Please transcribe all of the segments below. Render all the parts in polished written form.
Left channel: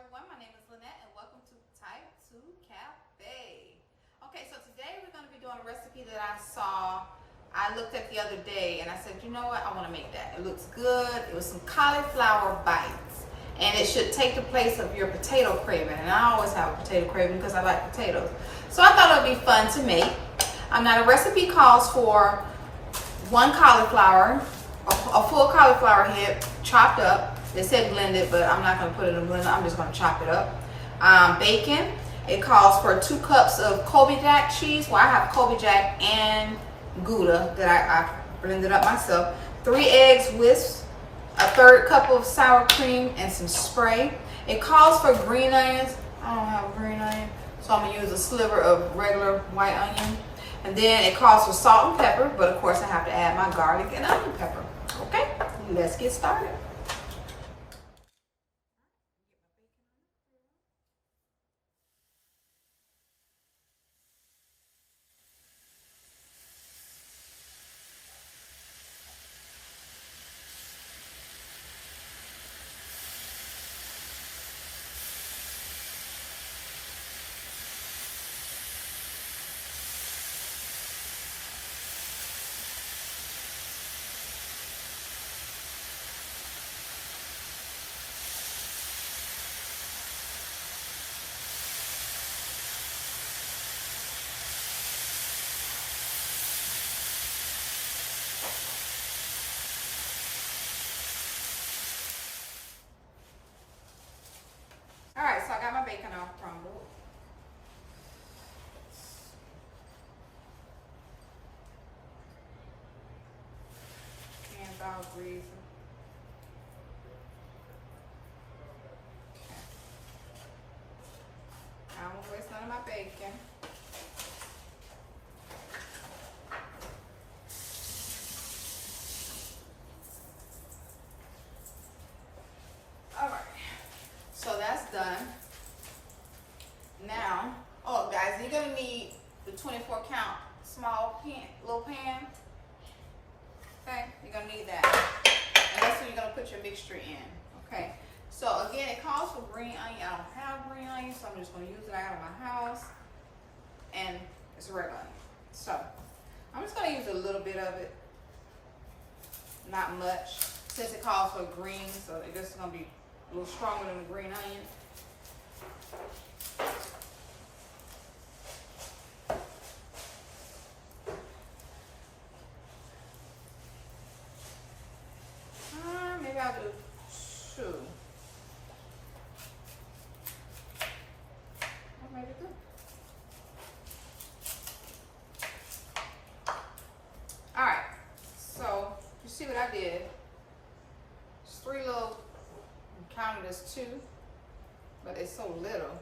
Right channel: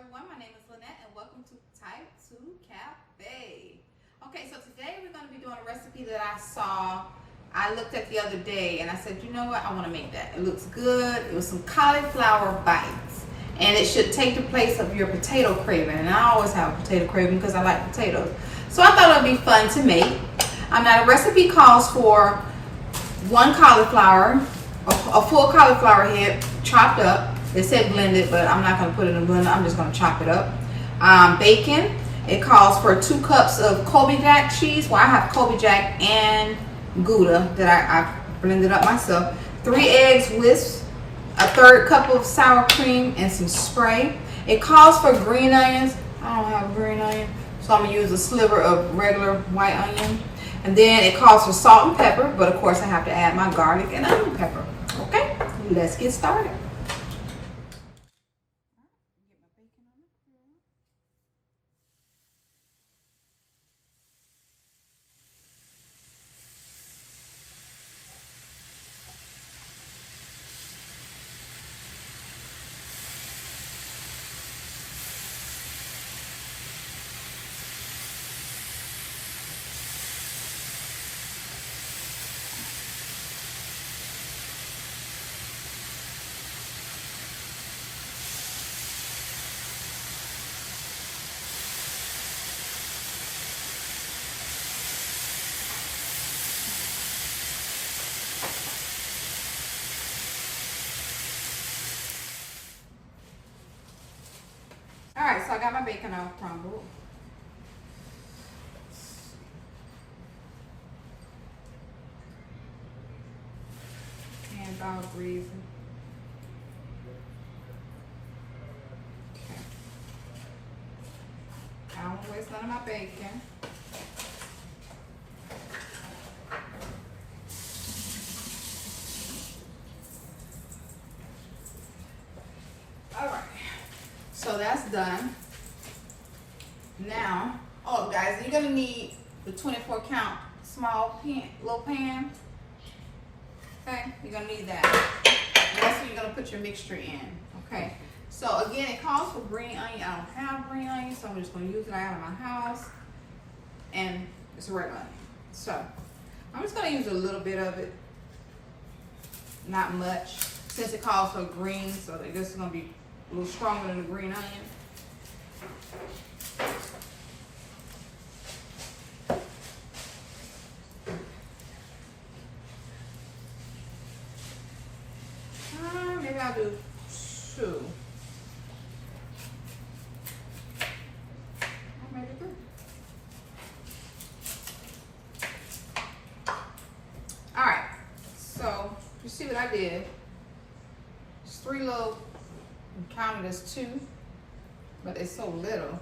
everyone, my name is Lynette and welcome to Type 2 Cafe. Okay, so today we're going to be doing a recipe that I looked at the other day and I said, you know what, I want to make that. It looks good. It was some cauliflower bites and it should take the place of your potato craving. And I always have a potato craving because I like potatoes. So I thought it would be fun to make. Now the recipe calls for one cauliflower, a full cauliflower head chopped up. They said blended, but I'm not going to put it in a blender. I'm just going to chop it up. Bacon. It calls for 2 cups of Colby Jack cheese. Well, I have Colby Jack and Gouda that I blended up myself. 3 eggs whisked, a 1/3 cup of sour cream, and some spray. It calls for green onions. I don't have a green onion, so I'm going to use a sliver of regular white onion. And then it calls for salt and pepper, but of course I have to add my garlic and onion pepper. Okay, let's get started. Alright, so I got my bacon all crumbled. Hands all greasy. Okay. I don't waste none of my bacon. So that's done. Now, oh guys, you're gonna need the 24 count small pan, little pan. Okay, you're gonna need that. And that's where you're gonna put your mixture in. Okay. So again, it calls for green onion. I don't have green onion, so I'm just gonna use it out of my house. And it's a regular onion. So I'm just gonna use a little bit of it. Not much. Since it calls for green, so this is gonna be a little stronger than the green onion. Maybe I'll do 2. Maybe 3. All right. So you see what I did? It's 3 little. Counted as 2, but it's so little.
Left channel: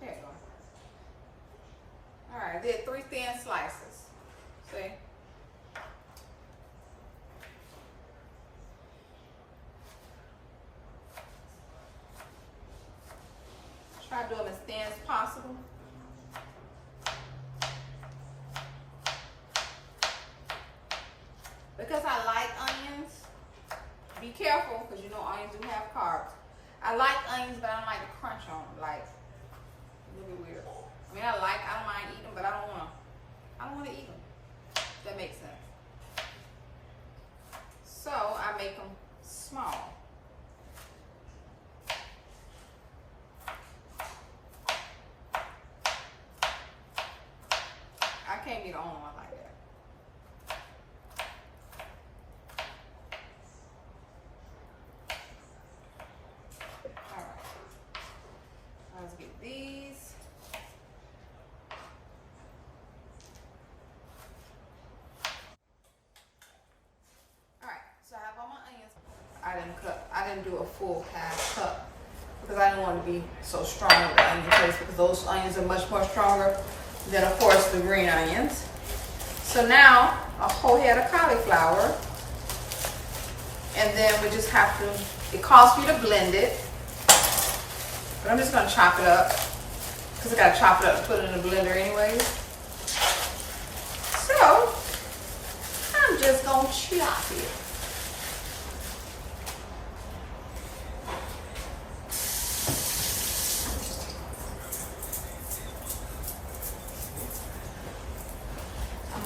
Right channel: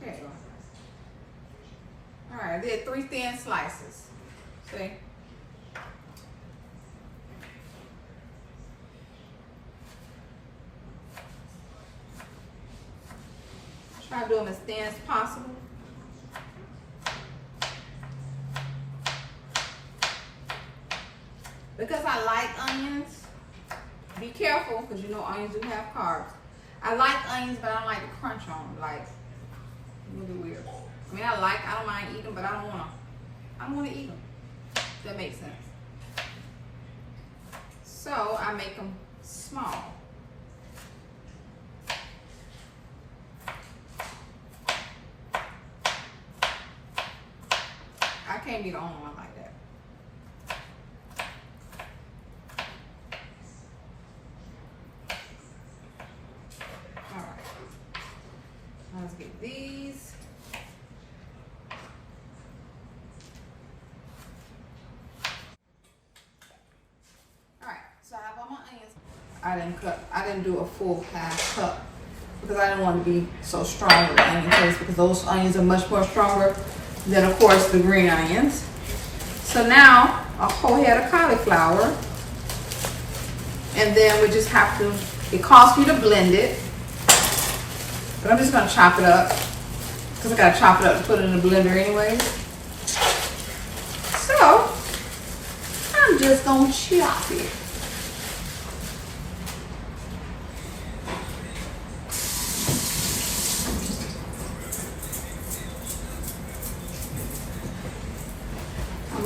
There you go. All right, I did 3 thin slices. See? Try to do them as thin as possible. Because I like onions, be careful because you know onions do have carbs. I like onions, but I don't like to crunch on them. Like, really weird. I mean, I don't mind eating them, but I don't want to eat them. If that makes sense. So I make them small. I can't be the only one like that. Let's get these. All right, so I have all my onions. I didn't do a full half cup because I didn't want to be so strong with the onion taste because those onions are much more stronger than, of course, the green onions. So now a whole head of cauliflower, and then we just have to. It calls for you to blend it. But I'm just going to chop it up because I got to chop it up and put it in the blender anyways. So I'm just going to chop it.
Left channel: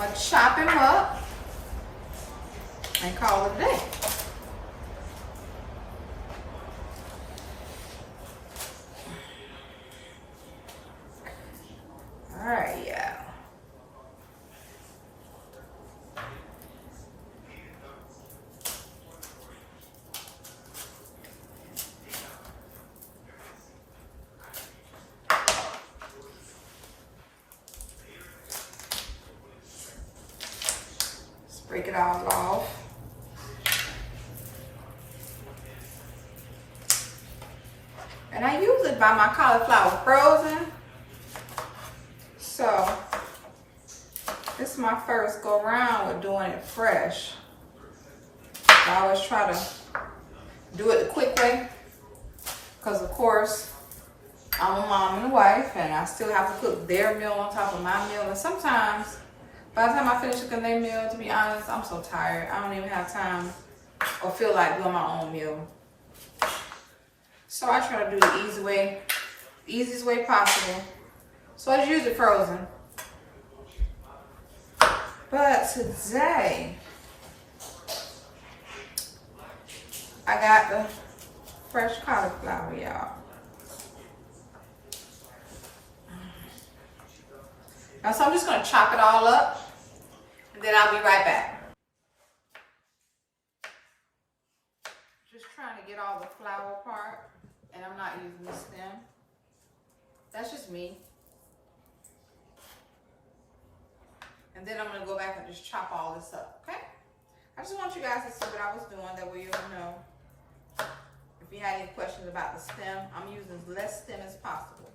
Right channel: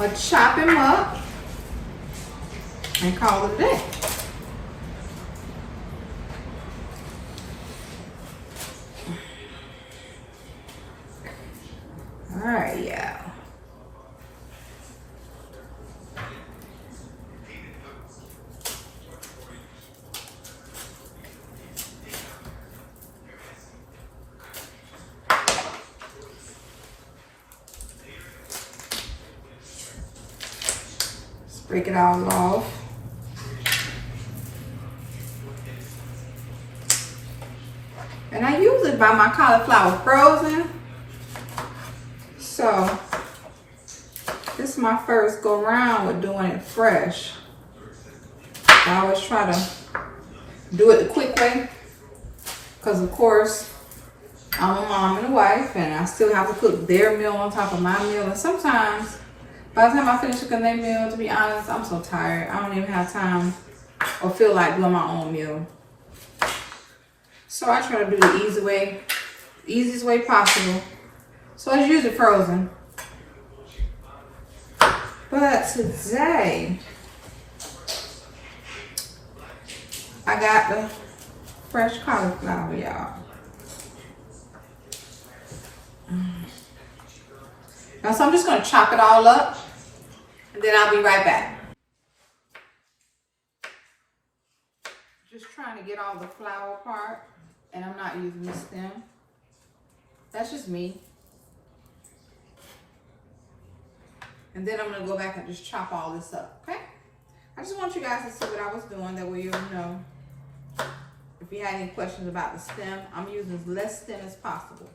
gonna chop him up and call it a day. All right, yeah. Break it all off. And I usually buy my cauliflower frozen. So this is my first go around with doing it fresh. I always try to do it the quick way. Because of course, I'm a mom and a wife and I still have to cook their meal on top of my meal. And sometimes by the time I finish cooking their meal, to be honest, I'm so tired. I don't even have time or feel like doing my own meal. So I try to do the easiest way possible. So it's usually frozen. But today, I got the fresh cauliflower, y'all. Now, so I'm just gonna chop it all up. And then I'll be right back. Just trying to get all the flower part, and I'm not using the stem. That's just me. And then I'm gonna go back and just chop all this up, okay? I just want you guys to see what I was doing, that way you'll know. If you had any questions about the stem, I'm using as less stem as possible.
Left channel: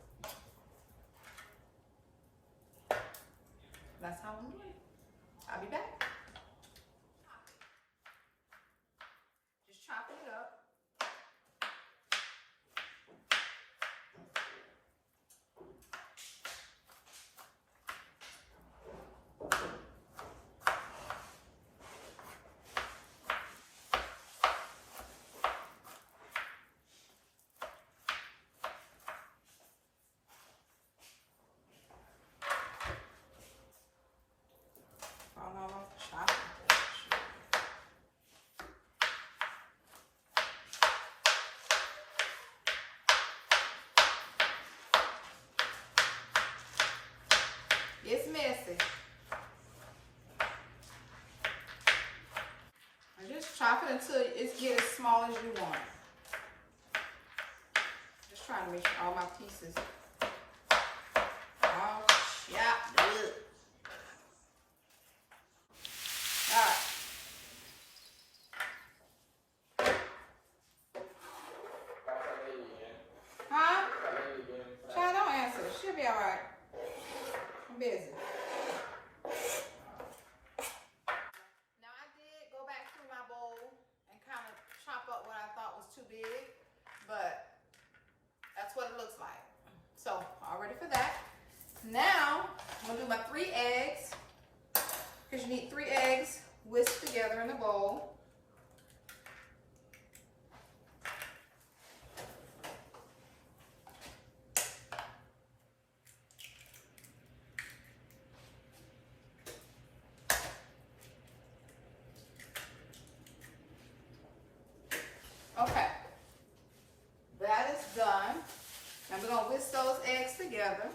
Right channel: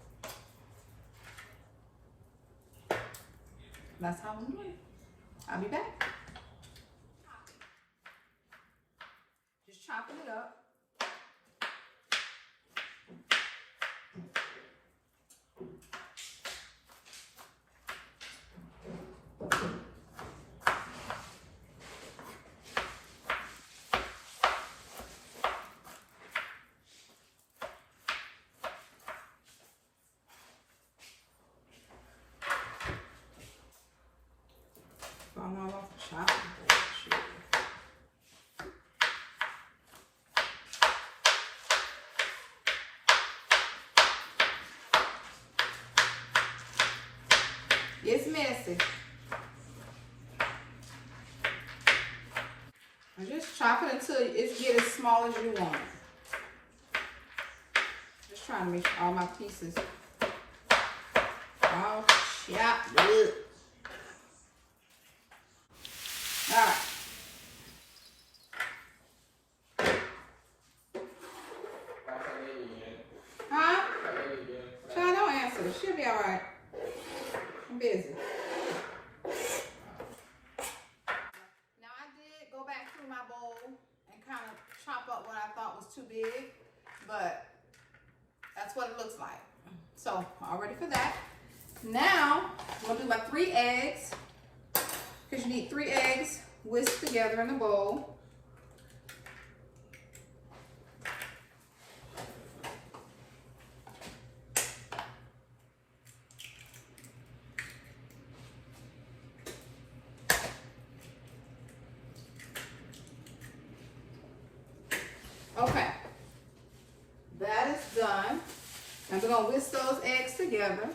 That's how I'm doing it. I'll be back. Just chopping it up. Falling all off the chopping board. It's messy. I just chop it until it gets as small as you want. Just trying to make sure all my pieces all chopped up. Alright. Huh? Child, don't answer. She'll be alright. I'm busy. Now I did go back through my bowl and kind of chop up what I thought was too big, but that's what it looks like. So, all ready for that. Now, I'm going to do my 3 eggs, because you need 3 eggs whisked together in a bowl. Okay, that is done. And we're going to whisk those eggs together.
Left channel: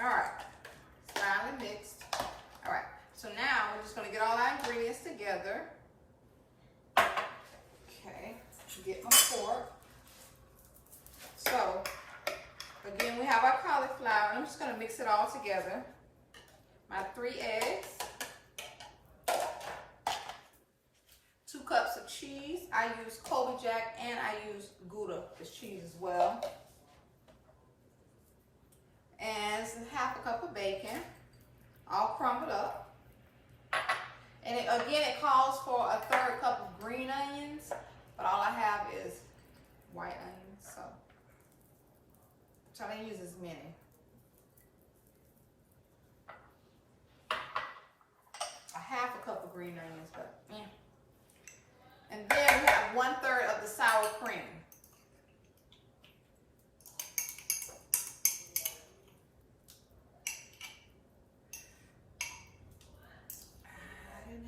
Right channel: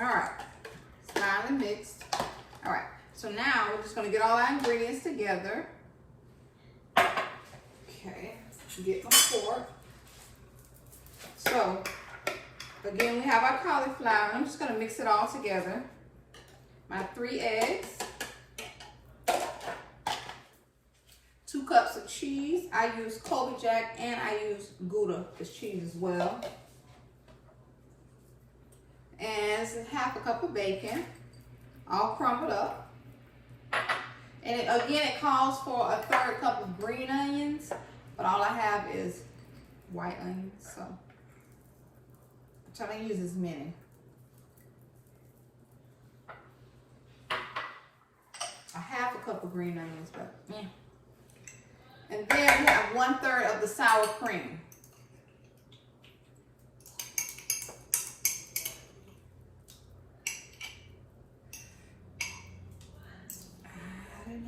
All right, it's finally mixed. All right, so now we're just going to get all our ingredients together. Okay, get my fork. So, again, we have our cauliflower. I'm just going to mix it all together. My 3 eggs. 2 cups of cheese. I use Colby Jack and I use Gouda as cheese as well. And it's half a cup of bacon, all crumbled up. And again, it calls for a 1/3 cup of green onions, but all I have is white onions, so I try to use as many. A half a cup of green onions, but yeah. And then we have 1/3 of the sour cream.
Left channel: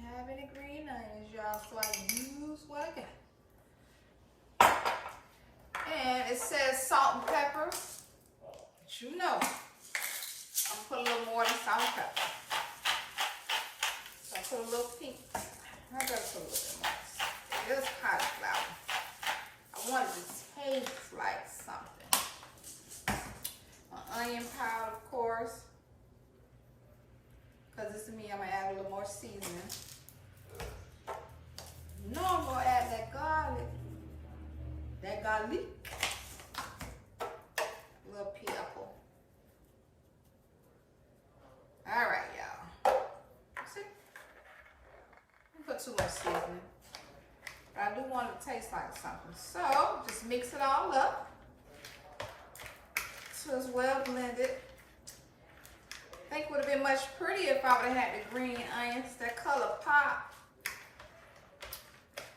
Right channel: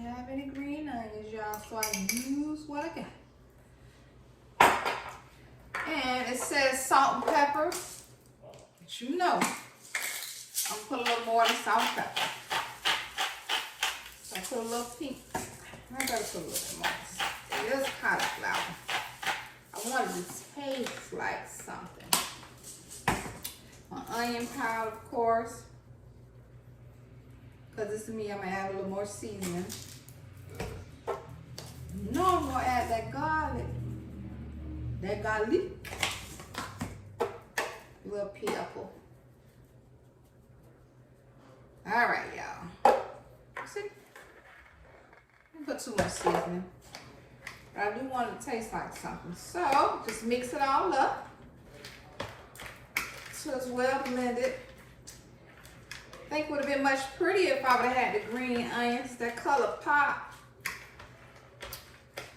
have any green onions, y'all, so I use what I got. And it says salt and pepper. But you know, I'll put a little more than salt and pepper. So I put a little pink. I gotta put a little bit more. It is cauliflower. I want it to taste like something. My onion powder, of course. Because this is me, I'm going to add a little more seasoning. No, I'm going to add that garlic. That garlic. A little pepper. Alright, y'all. See? I didn't put too much seasoning. But I do want it to taste like something. So, just mix it all up. So it's well blended. I think it would have been much prettier if I would have had the green onions. That color pop.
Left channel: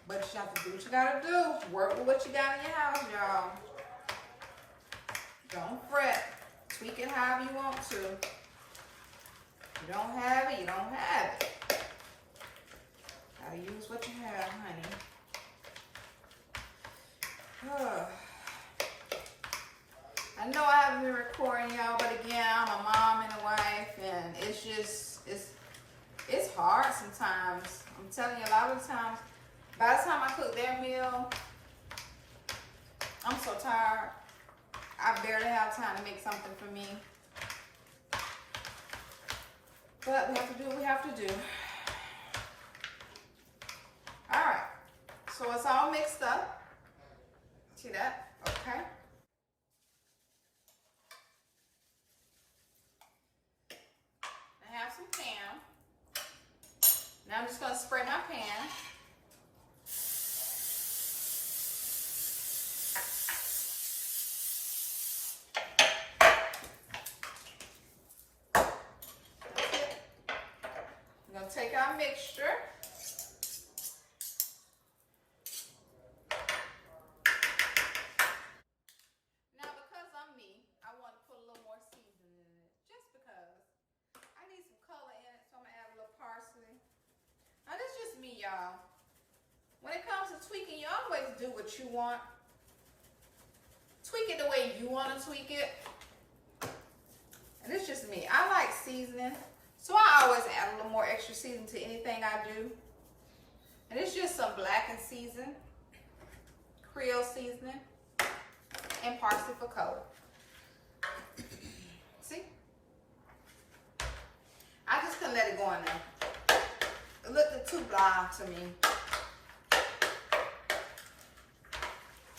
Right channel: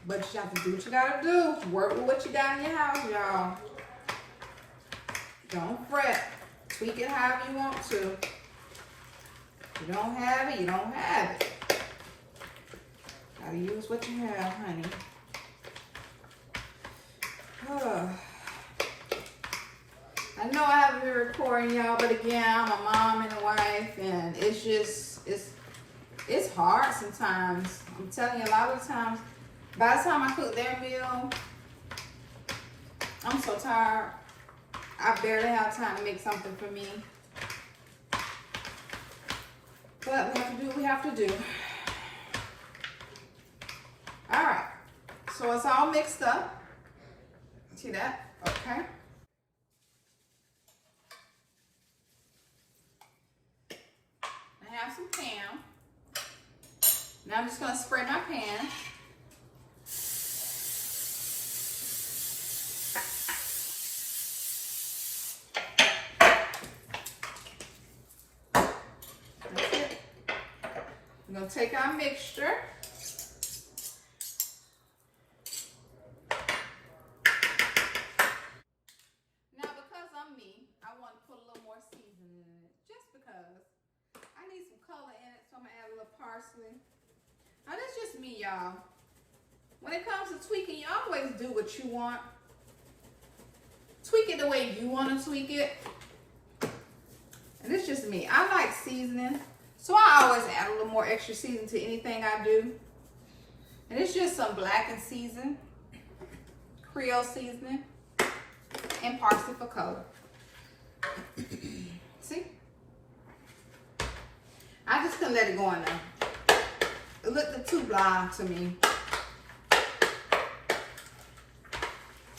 But you have to do what you gotta do. Work with what you got in your house, y'all. Don't fret. Tweak it however you want to. If you don't have it, you don't have it. Gotta use what you have, honey. I know I haven't been recording, y'all, but again, I'm a mom and a wife, and it's just, it's hard sometimes. I'm telling you, a lot of the times, by the time I cook their meal, I'm so tired. I barely have time to make something for me. But we have to do what we have to do. All right, so it's all mixed up. See that? Okay. I have some Pam. Now I'm just going to spray my pan. That's it. We're going to take our mixture. Now because I'm me, I want to put a little more seasoning in it. Just because. I need some color in it, so I'm going to add a little parsley. Now, that's just me, y'all. When it comes to tweaking, you always do what you want. Tweak it the way you want to tweak it. And it's just me. I like seasoning, so I always add a little more extra seasoning to anything I do. And it's just some Blacken Seasoning, Creole Seasoning, and Parsley for color. See? I just couldn't let it go in there. It looked too blonde to me.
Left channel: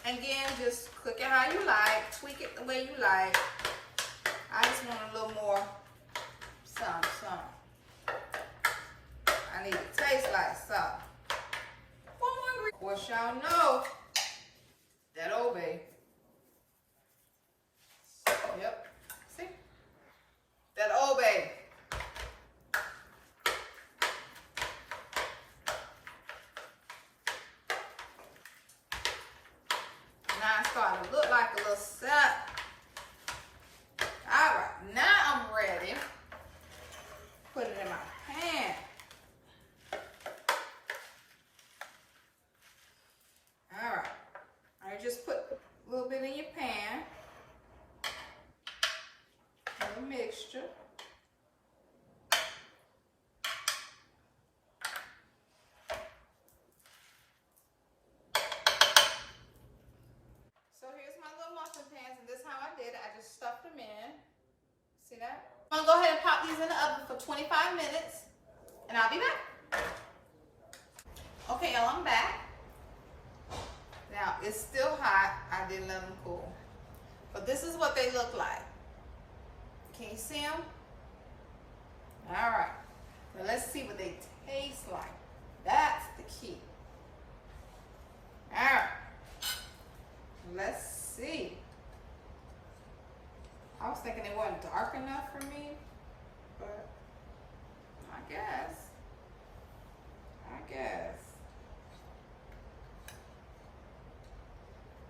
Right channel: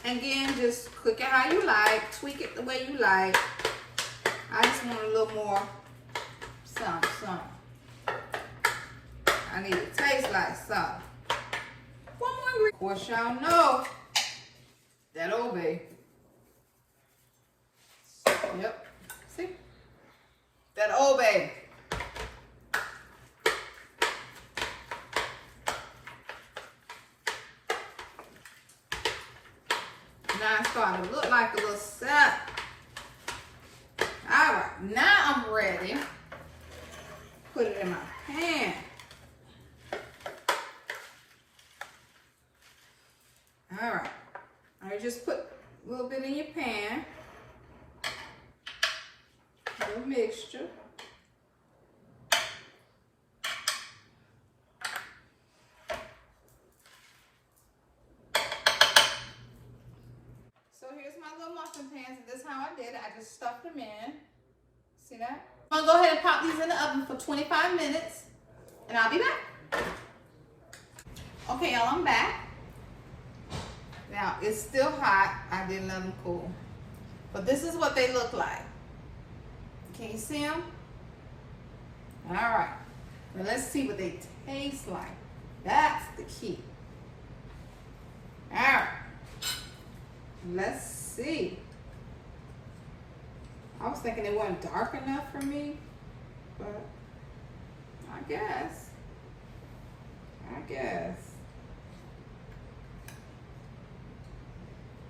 Again, just cook it how you like. Tweak it the way you like. I just want a little more something. I need it to taste like something. One more ingredient. Of course, y'all know that Old Bay. Yep. See? That Old Bay. Now it's starting to look like a little sap. All right, now I'm ready. Put it in my pan. All right, I just put a little bit in your pan. A little mixture. Muffin pans, and this is how I did it. I just stuffed them in. See that? I'm gonna go ahead and pop these in the oven for 25 minutes, and I'll be back. Okay, y'all, I'm back. Now it's still hot. I didn't let them cool, but this is what they look like. Can you see them? All right. Now let's see what they taste like. That's the key. All right. Let's see. I was thinking they weren't dark enough for me, but I guess.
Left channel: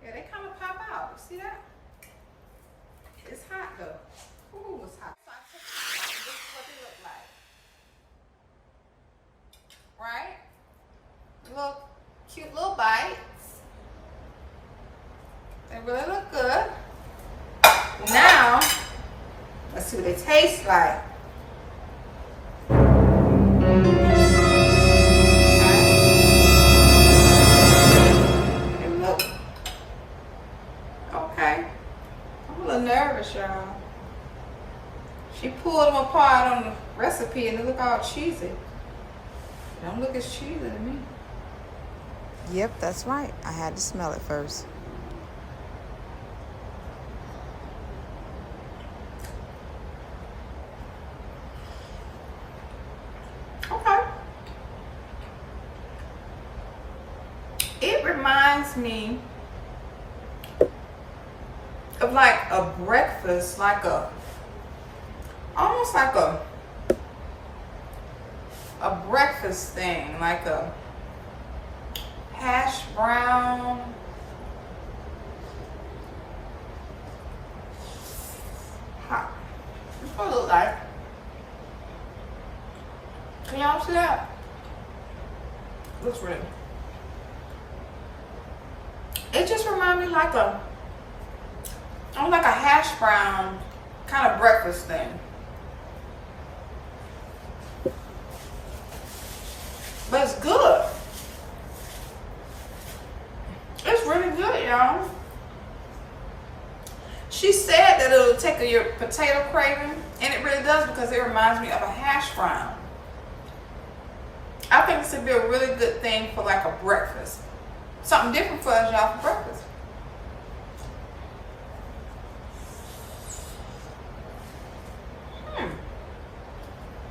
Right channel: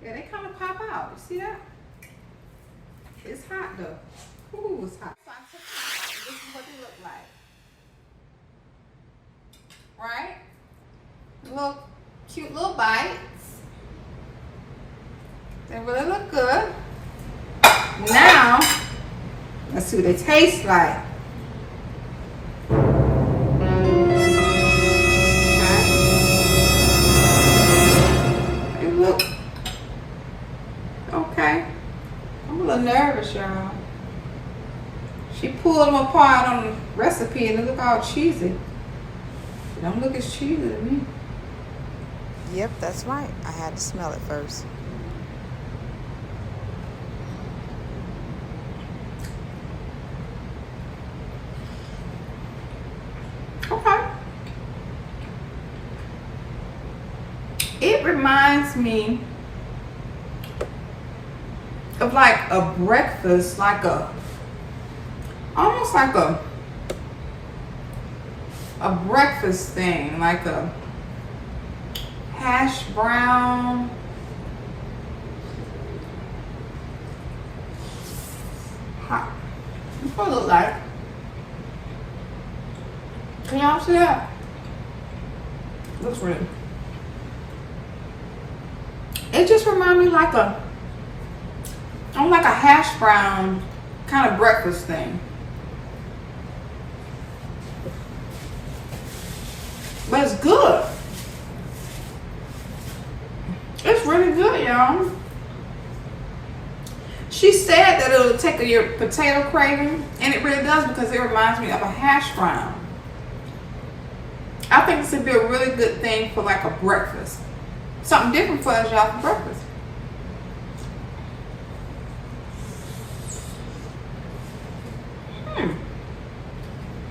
Yeah, they kind of pop out. You see that? It's hot though. Ooh, it's hot. So I took them out. This is what they look like. right? Little cute little bites. They really look good. Now, let's see what they taste like. They look okay. I'm a little nervous, y'all. She pulled them apart on the recipe and they look all cheesy. They don't look as cheesy to me. Yep, that's right. I had to smell it first. Okay. It reminds me of like a breakfast, almost like a breakfast thing, like a hash brown. Hot. That's what it looks like. Can y'all see that? Looks really. It just reminds me like a hash brown kind of breakfast thing. But it's good. It's really good, y'all. She said that it'll take your potato craving, and it really does because it reminds me of a hash brown. I think this would be a really good thing for like a breakfast. Something different for us, y'all, for breakfast.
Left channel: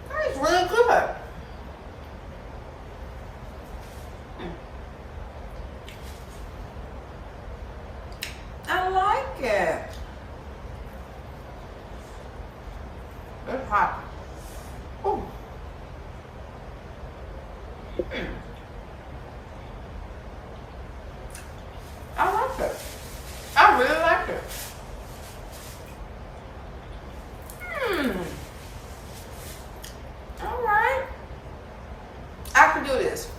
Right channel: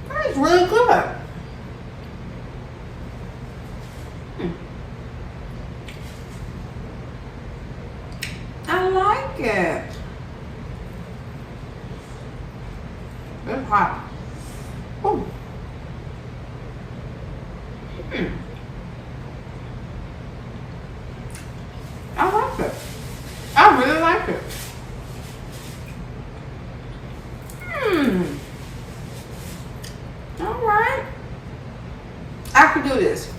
That is really good. I like it. It's hot. Ooh. I like it. I really like it. All right. I could do this.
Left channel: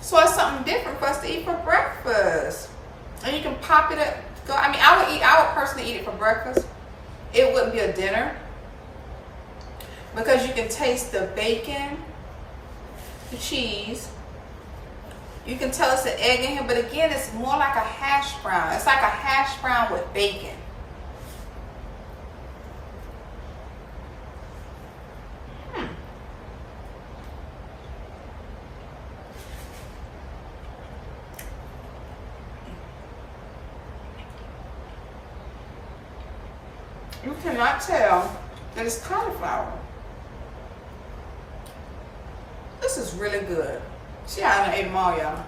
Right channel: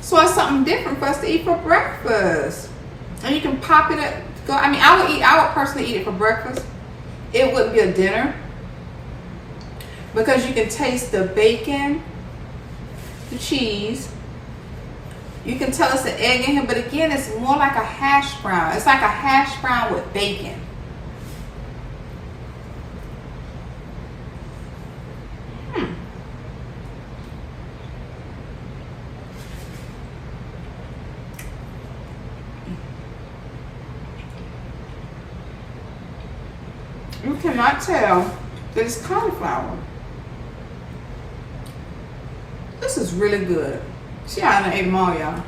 So it's something different for us to eat for breakfast. And you can pop it up. I would personally eat it for breakfast. It wouldn't be a dinner. Because you can taste the bacon, the cheese. You can tell it's an egg in here, but again, it's more like a hash brown. It's like a hash brown with bacon. You cannot tell that it's cauliflower. This is really good. See how I ate them all, y'all.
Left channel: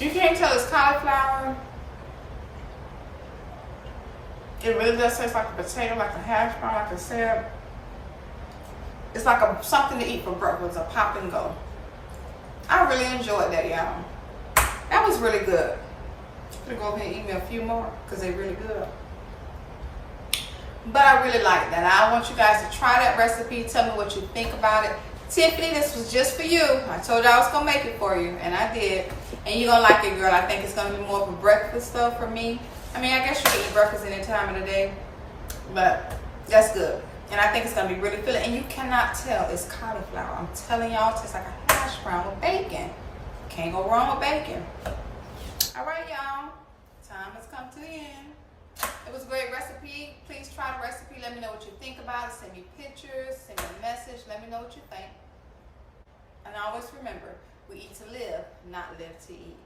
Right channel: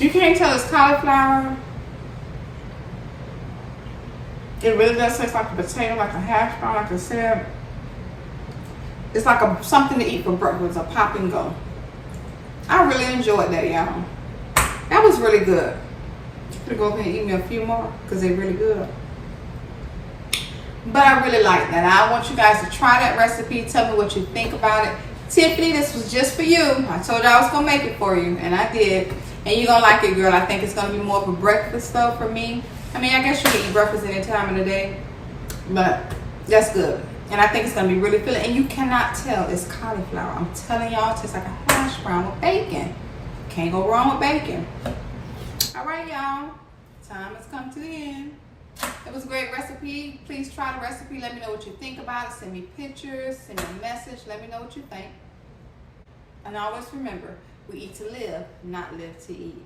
You can't tell it's cauliflower. It really does taste like a potato, like a hash brown, like I said. It's like something to eat for breakfast, a pop and go. I really enjoyed that, y'all. That was really good. I'm gonna go ahead and eat me a few more because they're really good. But I really like that. I want you guys to try that recipe. Tell me what you think about it. Tiffany, this was just for you. I told you I was gonna make it for you, and I did. And you're gonna like it, girl. I think it's gonna be more of a breakfast though for me. I mean, I guess you can eat breakfast any time of the day, but that's good. And I think it's gonna be really filling. And you cannot tell it's cauliflower. I'm telling y'all, it tastes like a hash brown with bacon. Can't go wrong with bacon. All right, y'all. Time has come to the end. It was a great recipe. Please try the recipe. Let me know what you think about it. Send me pictures. Send me a message. Let me know what you think. And always remember, we eat to live, not live to eat.